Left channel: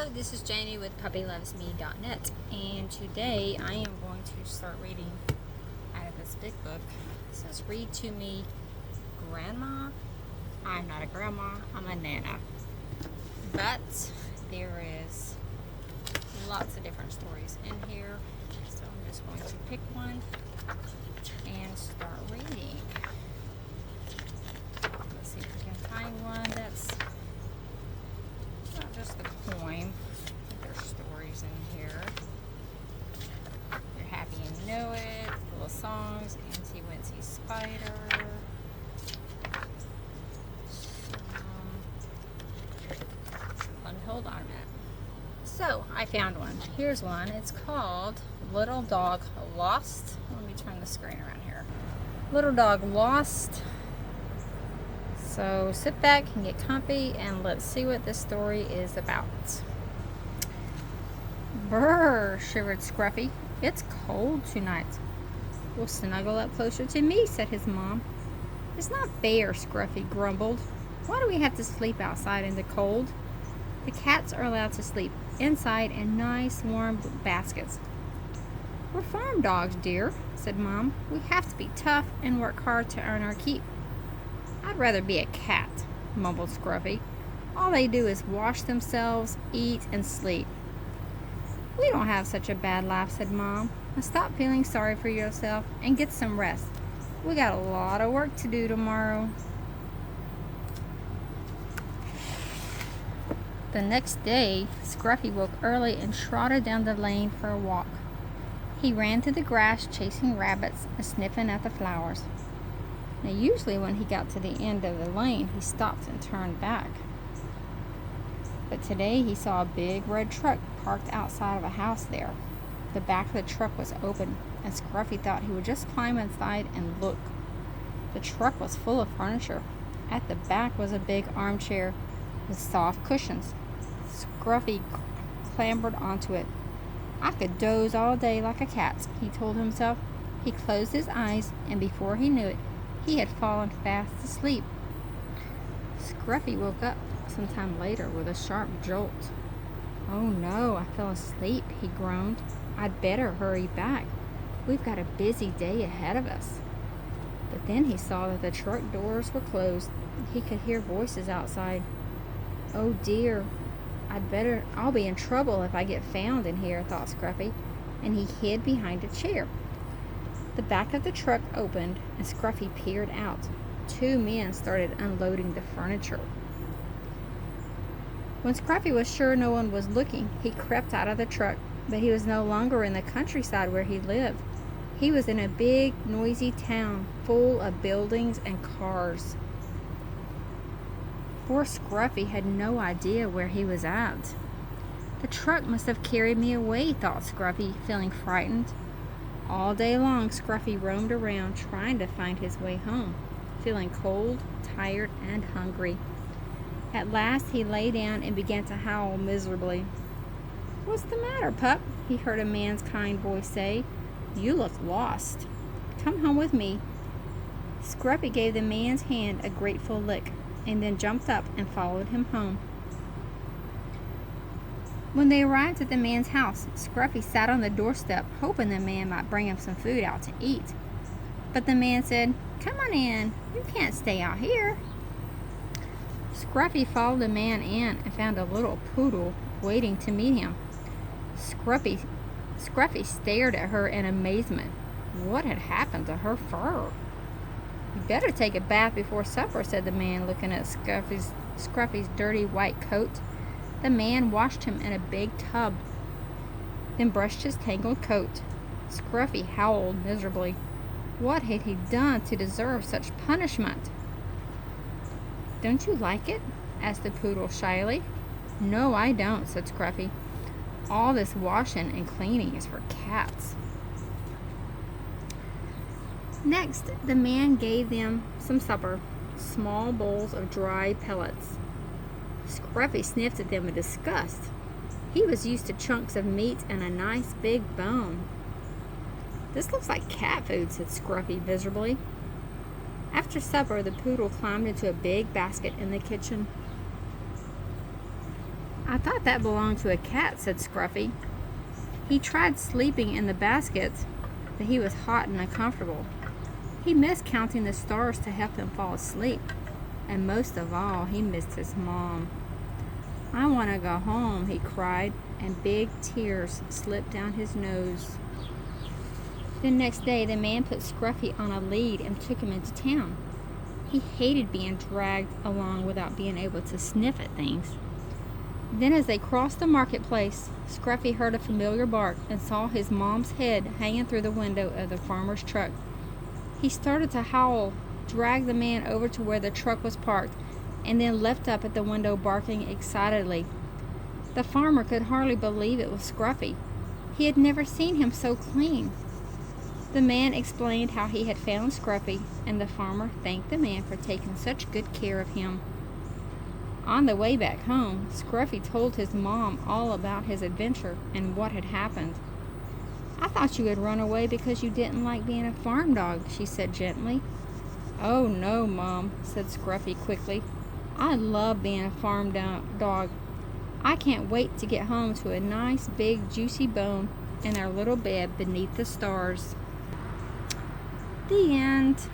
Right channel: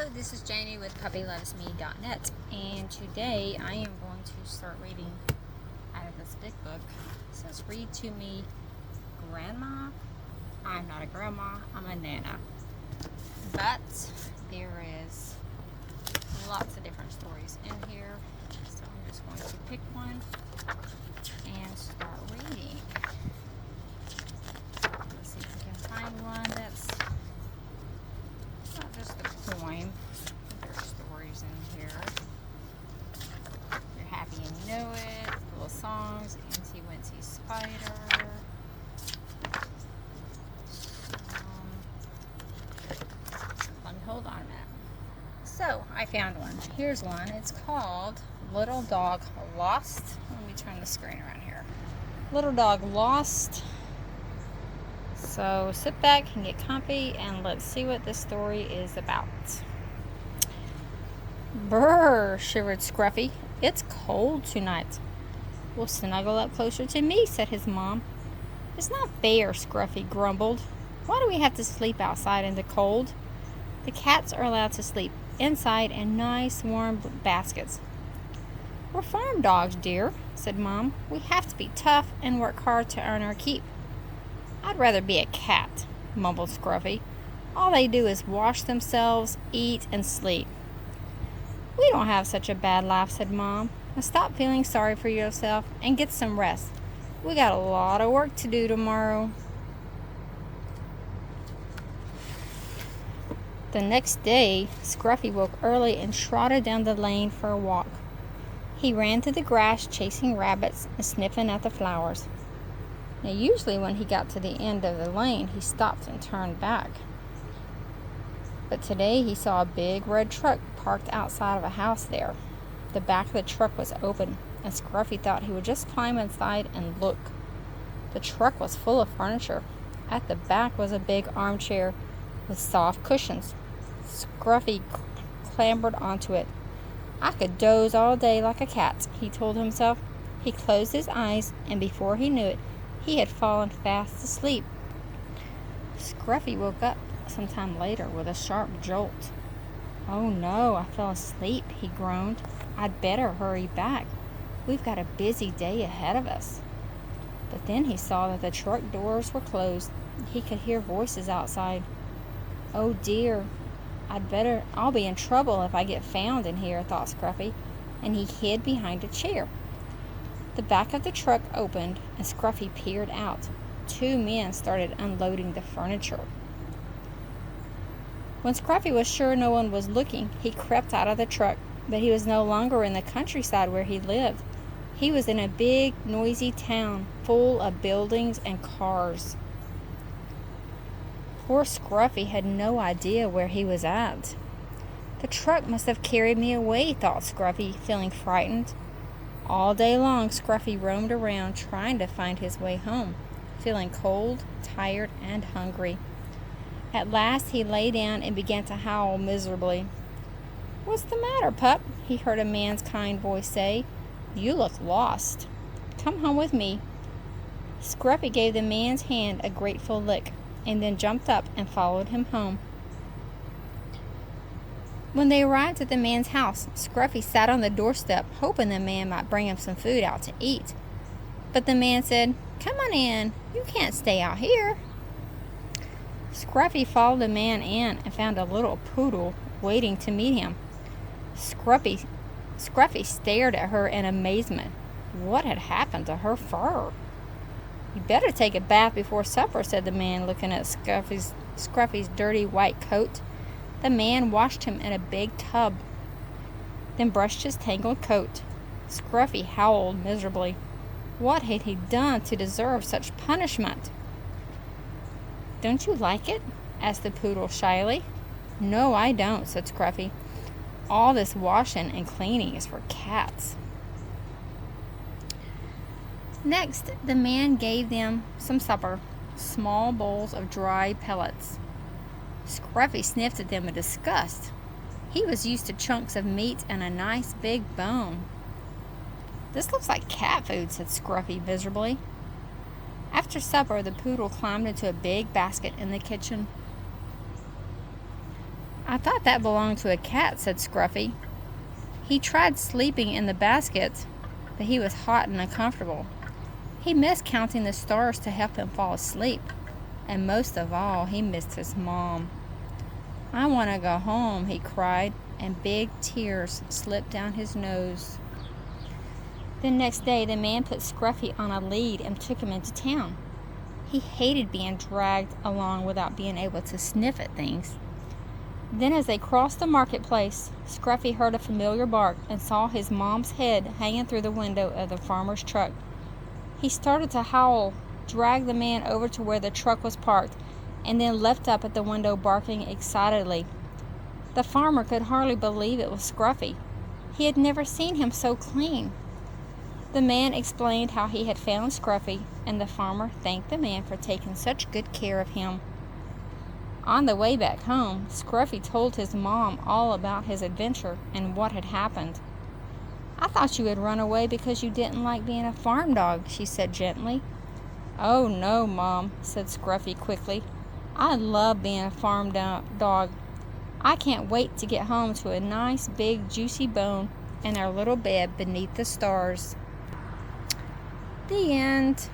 Hello, this is Janie with puppylovesme.net, and today I am going to start reading out of this big book. It says, read to me, Grandma. I'm not a grandma, I'm a nana. But there is lots of different stories in here, so I'm just going to pick one and start reading. Let's see if we can find one that's not just a poem. There's stories in here. You're Happy and Know It, little songs, Incy Wincy Spider. Let me hold on a minute. So I found one. Here's one. It's called Little Dog Lost. Let me turn the screen around here. Little Dog Lost. So sit back and get comfy and let's see what this story is about. Brr, shivered Scruffy. It's cold tonight. Well, snuggle up closer to me, said his mom. It's not fair, Scruffy grumbled. Why do we have to sleep outside in the cold? The cats are allowed to sleep inside in nice warm baskets. We're farm dogs, dear, said Mom. We have to be tough and work hard to earn our keep. I'd rather be a cat, mumbled Scruffy. All they do is wash themselves, eat, and sleep. We don't have such a bad life, said Mom. Now stop feeling sorry for yourself and get some rest. We got a lot of work to do tomorrow. The next day, Scruffy woke early and trotted down the lane for a walk. He ran through the grass chasing rabbits and sniffing at the flowers. Now, usually when he got to the end of the lane, he stopped and turned back. But today he saw a big red truck parked outside of a house there. The back of the truck was open, and Scruffy thought he would just climb inside and look. The truck was full of furniture. At the back was a big armchair with soft cushions. Scruffy clambered onto it. I could doze all day like a cat, he told himself. He closed his eyes, and before he knew it, he had fallen fast asleep. Scruffy woke up sometime later with a sharp jolt. Oh no, I fell asleep, he groaned. I'd better hurry back. We've got a busy day ahead of us. But then he saw that the truck doors were closed. He could hear voices outside. Oh dear, I'll be in trouble if I get found in here, thought Scruffy, and he hid behind a chair. The back of the truck opened, and Scruffy peered out. Two men started unloading the furniture. When Scruffy was sure no one was looking, he crept out of the truck, but he was no longer in the countryside where he lived. He was in a big, noisy town full of buildings and cars. Poor Scruffy had no idea where he was at. The truck must have carried me away, thought Scruffy, feeling frightened. All day long, Scruffy roamed around trying to find his way home, feeling cold, tired, and hungry. At last, he lay down and began to howl miserably. What's the matter, pup? He heard a man's kind voice say. You look lost. Come home with me. Scruffy gave the man's hand a grateful lick, and then jumped up and followed him home. When they arrived at the man's house, Scruffy sat on the doorstep, hoping the man might bring him some food out to eat. But the man said, Come on in. You can't stay out here. Scruffy followed the man in and found a little poodle waiting to meet him. Scruffy stared at her in amazement. What had happened to her fur? You better take a bath before supper, said the man, looking at Scruffy's dirty white coat. The man washed him in a big tub, then brushed his tangled coat. Scruffy howled miserably. What had he done to deserve such punishment? Don't you like it? Asked the poodle shyly. No, I don't, said Scruffy. All this washing and cleaning is for cats. Next, the man gave them some supper, small bowls of dried pellets. Scruffy sniffed at them in disgust. He was used to chunks of meat and a nice big bone. This looks like cat food, said Scruffy miserably. After supper, the poodle climbed into a big basket in the kitchen. "I thought that belonged to a cat," said Scruffy. He tried sleeping in the basket, but he was hot and uncomfortable. He missed counting the stars to help him fall asleep. And most of all, he missed his mom. "I want to go home," he cried, and big tears slipped down his nose. The next day, the man put Scruffy on a lead and took him into town. He hated being dragged along without being able to sniff at things. Then as they crossed the marketplace, Scruffy heard a familiar bark and saw his mom's head hanging through the window of the farmer's truck. He started to howl, dragged the man over to where the truck was parked, and then leapt up at the window barking excitedly. The farmer could hardly believe it was Scruffy. He had never seen him so clean. The man explained how he had found Scruffy, and the farmer thanked the man for taking such good care of him. On the way back home, Scruffy told his mom all about his adventure and what had happened. "I thought you had run away because you didn't like being a farm dog," she said gently. "Oh no, Mom," said Scruffy quickly. "I love being a farm dog. I can't wait to get home to a nice big juicy bone and our little bed beneath the stars." The end.